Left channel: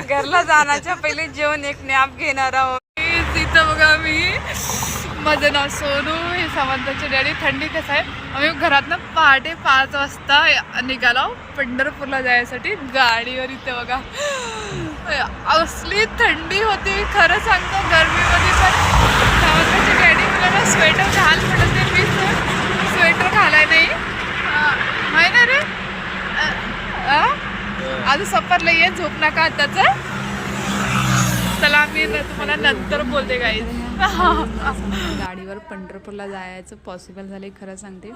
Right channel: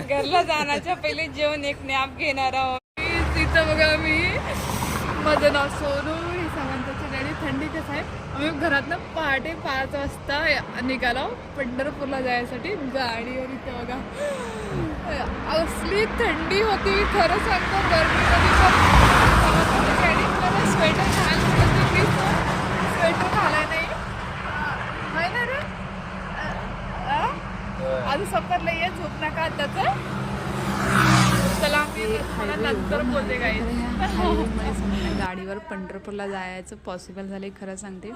घरला जाण्याच्या पहिले जेवण एक नॅप घेणार आहोत. तिथं बघा मी माझं नाव सोनू, हे सावंताचे डॅडी. थंडी कसं आहे, आम्ही घरातनं पहाटे 5 वाजता निघालो पंढरपूरला जायसाठी गाडीवर. इथे बघा असली थंडी होती खरं सांगतो गरमीमध्ये. पण सावंताचे डॅडी मला ना स्वेटर घाल म्हणत ते, मी स्वेटर घालाय नाही आहे ना रे. आज सफरला ये, झोप नका आताच. चला मी तुम्हाला नंतर बोलते काही. गाडीवर पंढरपूरला जायचं पॉसिबल झाले खरं सांगते.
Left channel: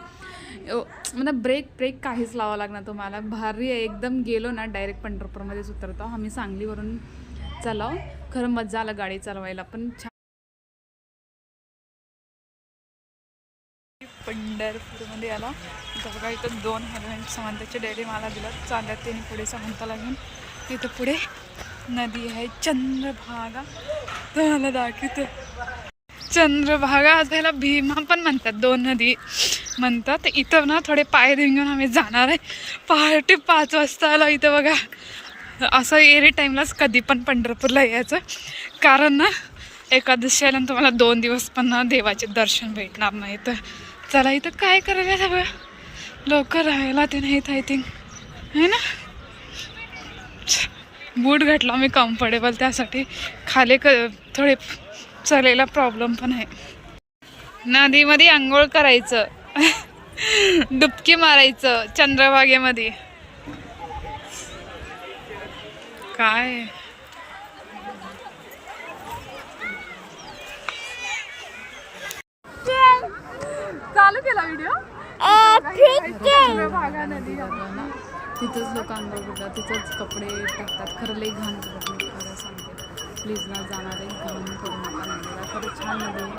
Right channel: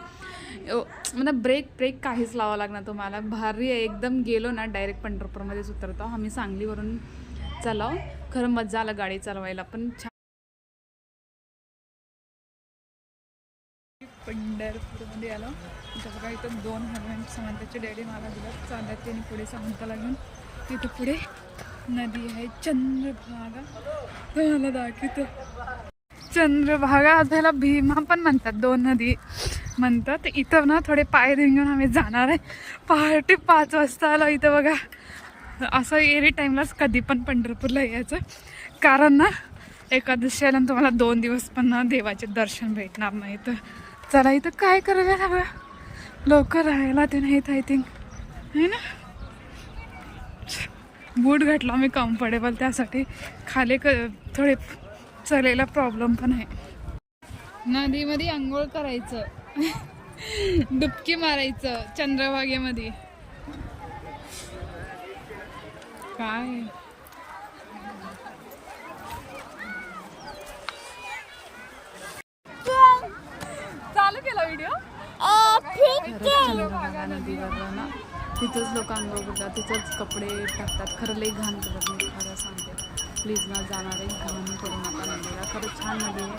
मला ब्रेक काहीच लावावं लागणार तुम्हाला. भारी आहे एकदम. गेलो ना डायरेक्ट पंढरपूरमध्येच उतरतो आम्ही. सांगलीवरून चालाव. खरं मजा आला गाडी चालवायला पण. पंढरपूरमध्ये आला. इथं बघा इथं 2 हेल्मेट सावंताचे डॅडी मला दिलं. चालत त्यांनी पुढे सावंताला घेऊन. इथं पुढे नदी आहे चंद्रभागा. तुम्हाला दाखवतो चंद्रभागा. त्याला भीमा पण म्हणतात, 2 नदी म्हणतात. इथं ना थोडे पाय घेऊन आम्ही जाणार आहे. पहाटे 5 वाजता आला. इथं बघा असं एरी टाईमलाच कधी पण पंढरपूरला यायचं, कारण ना एकादशी आल्यानं तुम्हाला 2 दिवस पण ना देवाचे दर्शन भेटणार नाही. तर चला इथं काय करायला सगळं लोक राहायला ते नाहीत आय थिंक आहे ना. बूट घातला मी कम्फर्टेबल, त्यासाठी खाली थोडे चालायला प्रॉब्लेम पण आहे. नदीमध्ये आंघोळ करायचं, डुबकी मारायचं चंद्रभागेमध्ये. काय चालू केला व्हिडिओ. चंद्रभागा नदीवर ना तिथंच लोक आंघोळ करतात, तिथंच कपडे टाकतात. खरं लई घाण करतात. मी खरं सांगते, प्लीज ना जाणारे घाण करू नका नदीला. खरं छान नदी आहे.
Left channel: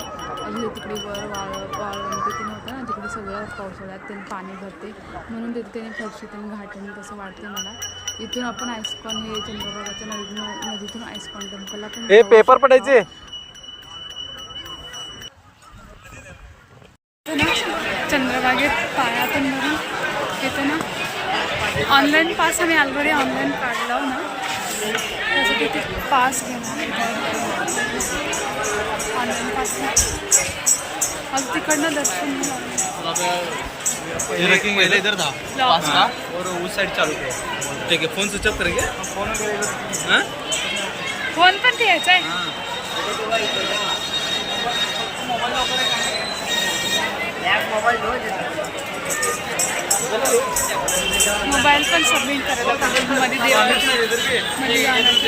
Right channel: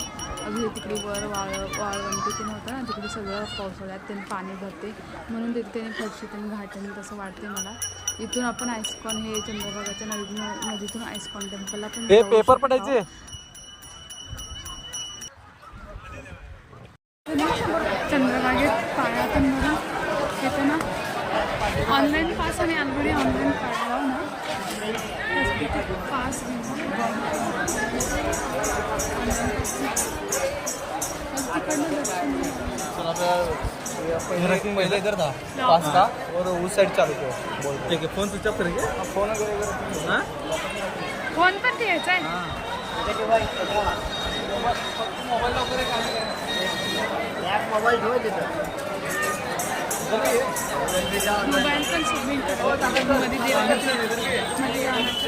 अजून तिकडे वर वाळवंटी ते नव्हतं ना, तिकडे सगळं पावसाळ्यात त्यांनी पाणी भरते म्हणून तिथे त्यांनी फरशी त्यांनी घाटणे तसं वाटते मला. इथून आपण आईस्कॉन, हे चंद्रभागाच्या नदीतून आईस्कॉन टेम्पलला पण पेपर पडायचे. चंद्रभागेत पायातून बघा येतं ना. ऑनलाईन पास आम्ही ऑलरेडी ऑनलाईन काढला ना, त्यासाठी ते पास घेणार ऑनलाईन पास. आज तिकडनं दर्शन इधर था पास का और उस साइड चालू किया. ठीक है, फोन स्विच ऑफ करेंगे. फोन पण द्यायचा आहे. मोबाईल पण सबमिट करायला पाहिजे मध्ये देवाला मध्ये जाण्याचं.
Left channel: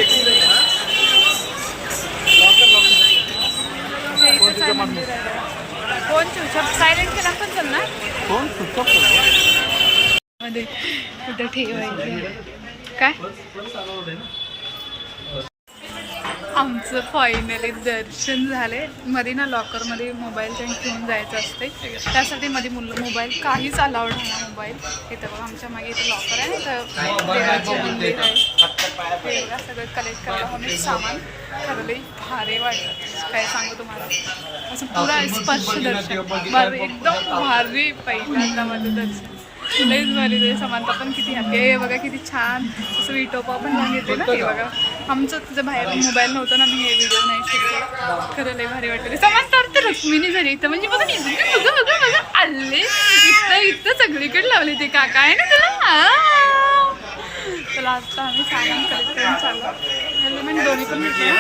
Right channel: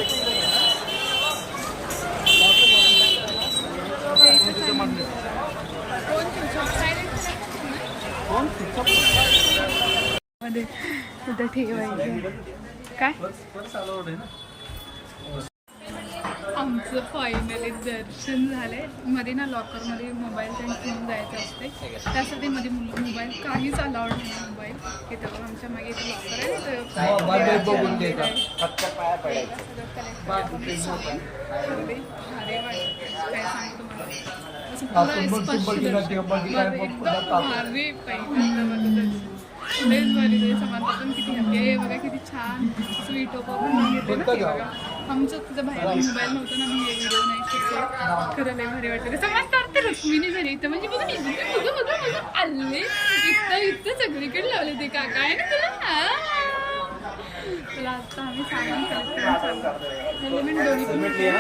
इथंच आहे मंदिर आहे. फोन स्विच ऑफ सायलेंट केला पण चालणार. मध्ये कुठं ठेवायचं काय. आमचं फायनली दर्शन झाले. मध्ये ना लॉकरमध्ये मोबाईल त्यांनी ठेवून जायचं असते, त्यासाठी मध्ये मोबाईल काहीच अलाउड नाही ना मोबाईल. इथं बघा आमच्या मागे इथं लॉकर आहे, तर देवाचे मंदिर आहे. हे बघा सगळं कलेक्ट करायला आम्ही सामान. खरंही भारी वाटलं, काय सांगू तुम्हाला. असं पुरा स्पर्श दर्शन बरं एकदम भारी. पहिल्यांदा माझं दर्शन लईच भारी. ते समानता पण किती हॅपी आहे. बघा किती छान असं विटोपा पण लावून येते ना. ते बघा आमचं तुझं बाहेर मोबाईल नव्हतं ना, मी हे व्हिडिओ नाही शिकले. खरं लई भारी वाटते. समांतर तर रुक्मिणी झाली इथं, म्हणजे बघा बघा आले इथं सगळीकडे लावले ते काका आहे ना तुला. चला आता आम्ही सामान कलेक्ट करून चाललो. हेल्मेट दोन्ही पण भेटले.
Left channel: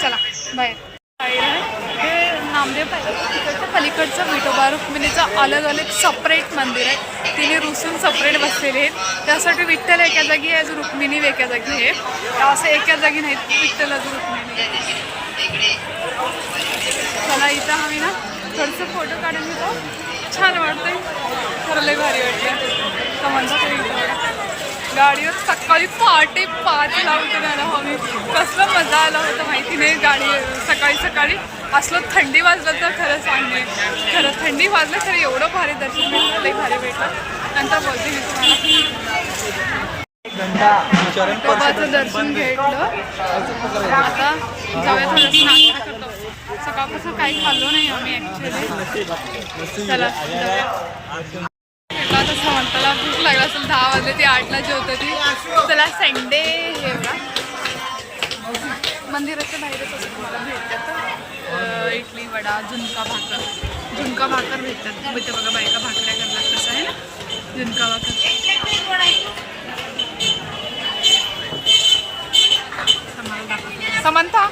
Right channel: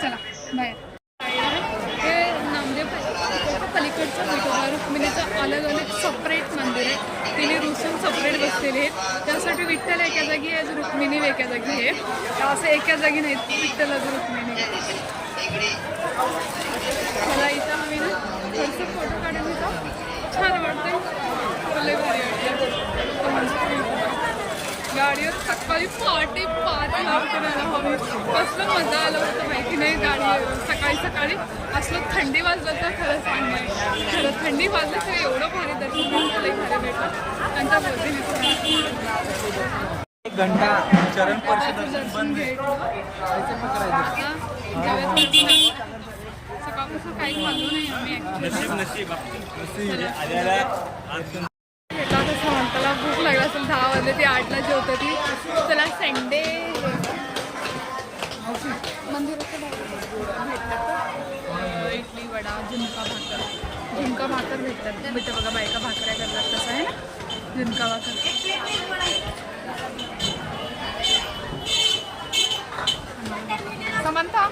चला बाहेर आहे हे नामदेव पाहिजे. तिकडचं पलीकडचं विठोबा रुक्मिणीचं अलग अलग सपरेट मंदिर आहे. तिने रुसून सपरेट बसलेले आहेत. त्यासाठी विठ्ठल एका जागी आहे, रुक्मिणी एका जागी आहे. असं एका जागी नाहीत विठ्ठल अजून रुक्मिणी आहे. चला इथं आम्ही ना थोडंसं फोटो काढून घेतो. छान वाटतंय. खरं लई भारी वाटतं. तर म्हणतात तरी इथं बघा गाडीवर सकाळी पहाटे 5ला उठून आला आम्ही. कसलं मजा आला होतं माहिती नाही. गाडी सकाळी असलं थंडी वाजलं तर खरं सांगणे. खरं थंडी वाजलं खरं एवढं भारी दर्शन भेटलं, लई भारी भेटलं. नंतर बोलते मी तुम्हाला. विठोबाचं दर्शन घेतलं. आता जाऊया थोडंसं नाश्ता करतो. सकाळपासून काही खाल्लो नाही आम्ही ॲक्च्युली. चला आता समंताला भूक लागला असेल 10 वाजले, ती 8ला जेवत ती. चला संडे हे बघा मंदिराच्या बाहेरच असतो भेटतात इडली वडा झुणका भाकर भेटतात. इथं बघा बायका भाकऱ्या करतात कसं आहे ना झुणका भाकर. समंता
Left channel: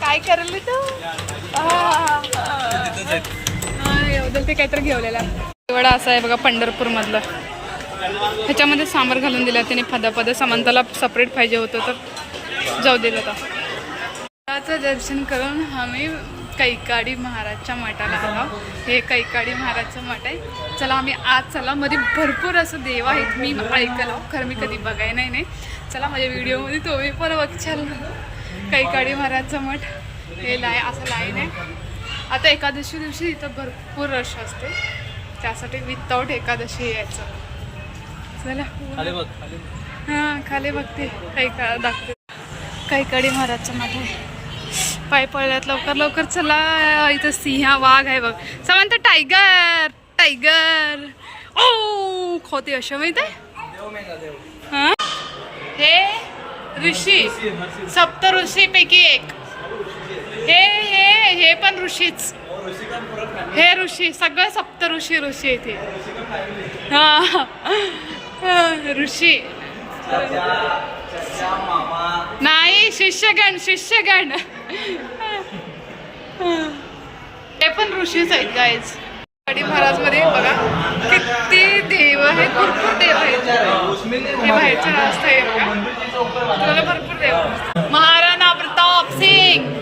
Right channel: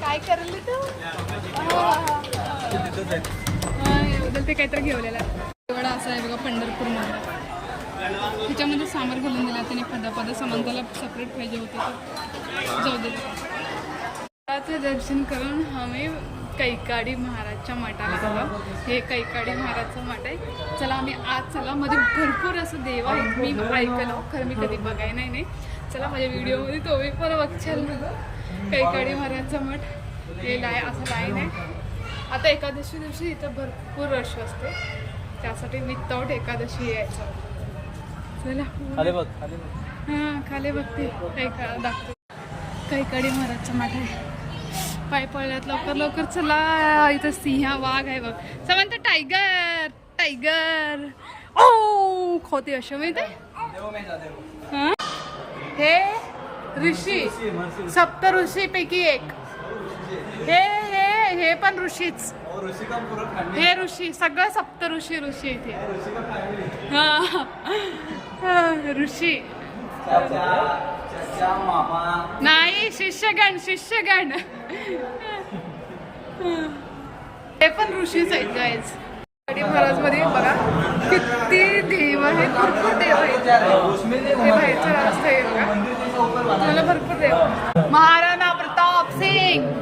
काय करली तू एवढं ते काहीतरी घेवलेला वडा असा आहे बघा पंढरपूर मधला. ह्याच्यामध्ये सांबार घालून दिला त्याने पद समंताला सपरेट पाहिजे होतं तर जाऊ दिलं होतं. दर्शन करून आम्ही कैकाडी महाराजच्या मठाला आलो. हे कैकाडी महाराजचं मठ आहे. चला आम्ही आज चला मध्ये भरपूर असं देव आहेत मी ऐकलं खरं मी कधी बघाय नाही. चला माझ्या व्हिडिओमध्ये तुम्ही पण बघशाल. कैकाडी महाराजचं मठ हे असं लाईन आहे. आता एकादशी दिवशी इथं भरपूर रश असते त्यासाठी विदाऊट एकादशी यायचं. चला हां खाली बघते दाखवते. कैकाडी महाराजचं मठ आहे. पाय पडल्यात लवकर चला. इथं सिंह वाघ आहे बघ. समंत टायगर ओ खोते अशा माहित आहे. हां हे ऋषी सप्त ऋषी पैकी एक. हे पण ऋषीच. हे ऋषी सगळं सप्त ऋषी इथे. हा ऋषी नाही शिष्यगण हे पण ऋषीच आहेत गाईज. कैकाडी महाराज मध्ये बघा किती देव आहे. भरपूर देव आहेत. हे बाहेरचं रास्ता आहे बघा तुम्हाला भरपूर देव. महाराणा प्रताप सिंग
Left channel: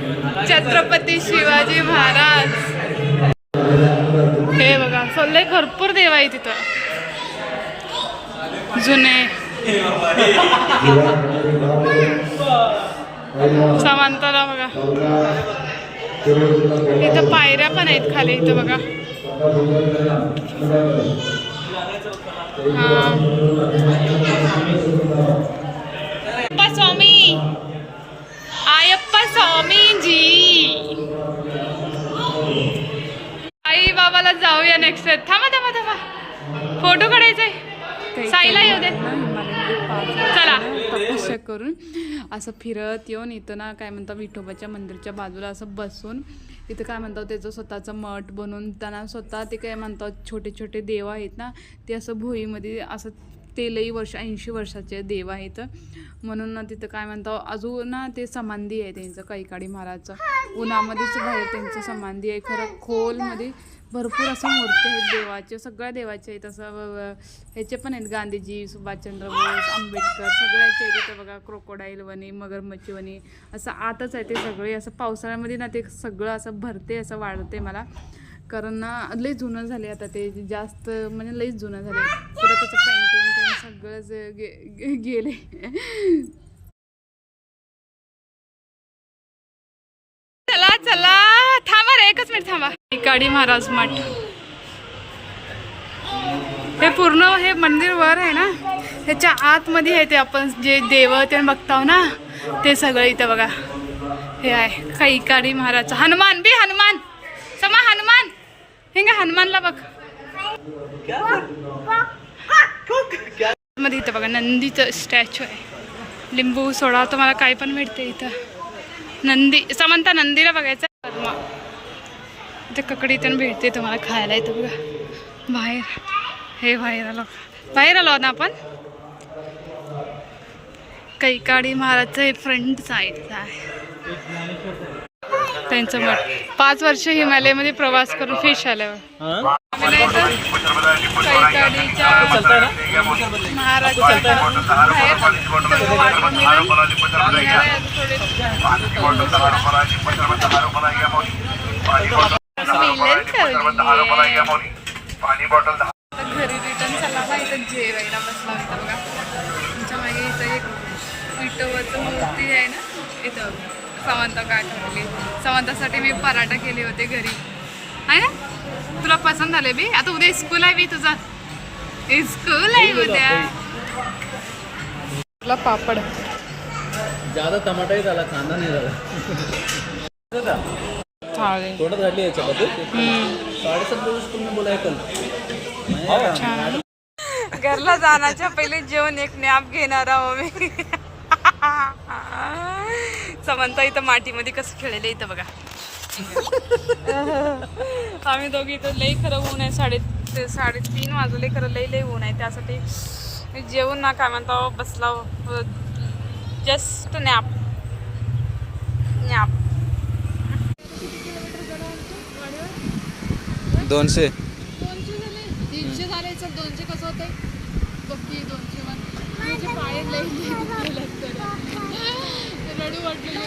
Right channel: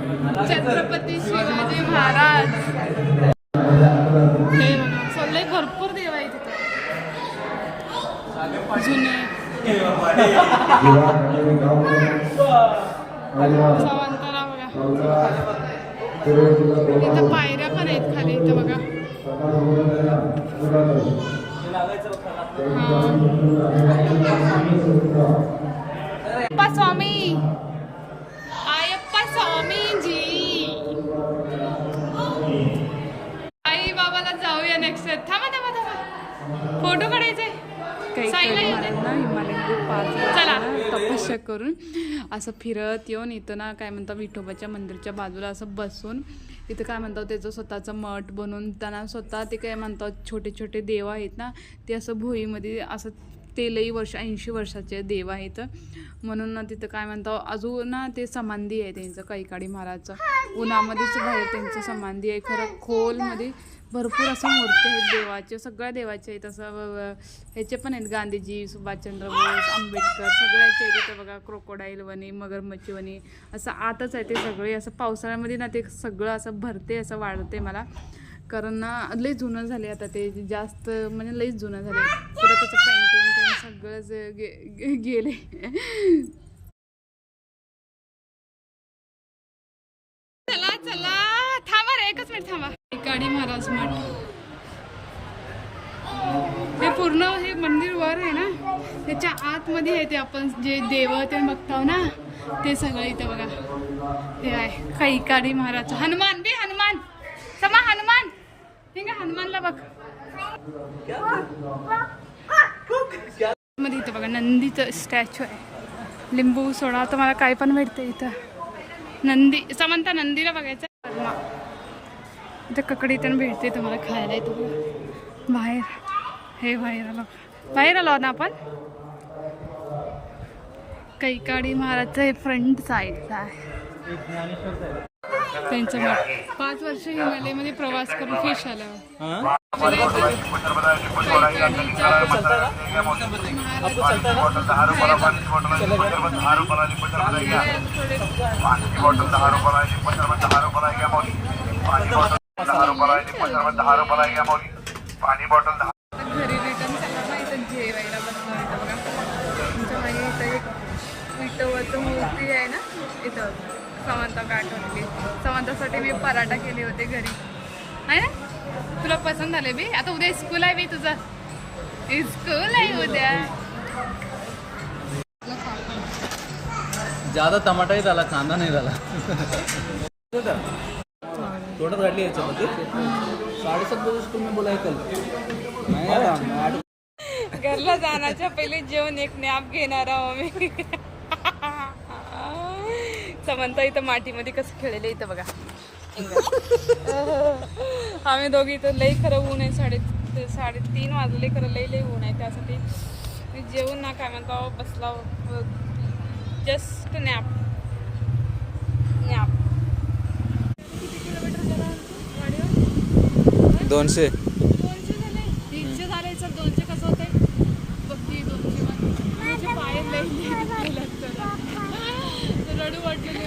छत्रपती शिवाजी महाराज हे बघा सल्ले भरपूर देव आहे तिथं जुने. समांतरा बघा इथं पायऱ्या पण आहेत खाली इथं बघा. अय्यप्पा स्वामीजी आई बाबाला जाऊया नेक्स्ट. थांबा फोटो काढायचाय. साईला येऊ दे. हिमालयामध्ये 5 वर्ष तपस्या करून असं फिरत येऊन इथं ना काय म्हणतात विठोबाच्या मंदिरच्या बाजूला असं बसून इथं काय म्हणतात त्याचं स्वतःचं मठ बनवून त्यांना स्वतः ते काय म्हणतात छोटे देव आहेत ना ते असं भुईमध्ये असं ते लई वर्ष 80 वर्षाचे देव आहेत म्हणून ना तिथं काय म्हणतात अजून ना ते समाधी आहे त्यांचं कैकाडी महाराजचं. उन्हामध्येच बाहेर त्यांचं समाधी आहे. खरं खोलमध्ये भरपूर असं मूर्ती आहेत देवाचे. सगळ्या देवाचे आहेत. असं ह्याचे पण आहेत गांधीजी सुभाषचंद्र बोस आंबेडकर सगळ्याचे आहेत. तिथं बघा क्रोकोडाईल वनी मगरमच्छ वनी असं आतच आहे ते सगळे. असं पावसाळ्यामध्ये ना ते सगळं असं भरते असं वाढते मला कारण ना लई जुनं झाले आता ते जास्त म्हणजे लईच जुनं झाले. पुढं त्याचं पेंटिंग सगळंच गेले. चला थांबा रे एकच मिनिट थांबा. कैकाडी महाराज मठ हे पूर्ण हे मंदिर वर आहे ना ह्याच्या आतमध्ये आहे ते आपण जे देव ते बघताव ना ते सगळं इथं बघा हे आहे कैकाडी महाराज. हनुमान समा हनुमान हे का हनुमानला बघ मध्ये इथं बघा नंदीचं स्टॅच्यू आहे. लिंबू सोडा तुम्हाला काय पण भेटते इथं. नंदी समंता नंदीला बघायचं. इथं ककडी पण भेटते तुम्हाला खायला. इथं बघा बाहेर आलो ना आपण. कैकाडी महाराजचं हे फ्रंट साईडचं आहे त्यांचं मठ. 5 वर्ष हिमालयामध्ये प्रवास करून फिश आल्यावर आम्ही इथं कैकाडीच्या महाराजच्या बाहेर घरी रिटर्न चालला ना इथं जेवायला बसला होता बघा. तुमच्या मागे इथं एक विठोबाचं मूर्ती आहे ना इथं. समंता काय ठरली समंतासाठी मी पराठा केले होते घरी आहे ना. तुला पसंत झाले बी. आता उद्या स्कूल आहे बी तुझा. स्कूल आहे उद्या. पापड ज्यादा टमाटा ही झाला कांदा नाही झाला. खाऊ दे. तोंडात घातली याच्यामध्ये 7:30 दिवस तुम्ही बोला ऐकल छान. घरला जाण्याच्या पहिले जेवण एक नॅप घेणार आहो मी. समंता इथं मातीमध्ये कसं खेळलेलं इथं बघा. आम्ही दोघी इथं लई खरं ऊन आहे. 3:30 वाजले खरं लई ऊन आहे. त्यासाठी जेवण ना काय म्हणतो बसला जस्ट नॅप. 200 झाले 300 झाले. सर 200 कसं होतंय बघी. 200 पाय लई रडू वाटलेले.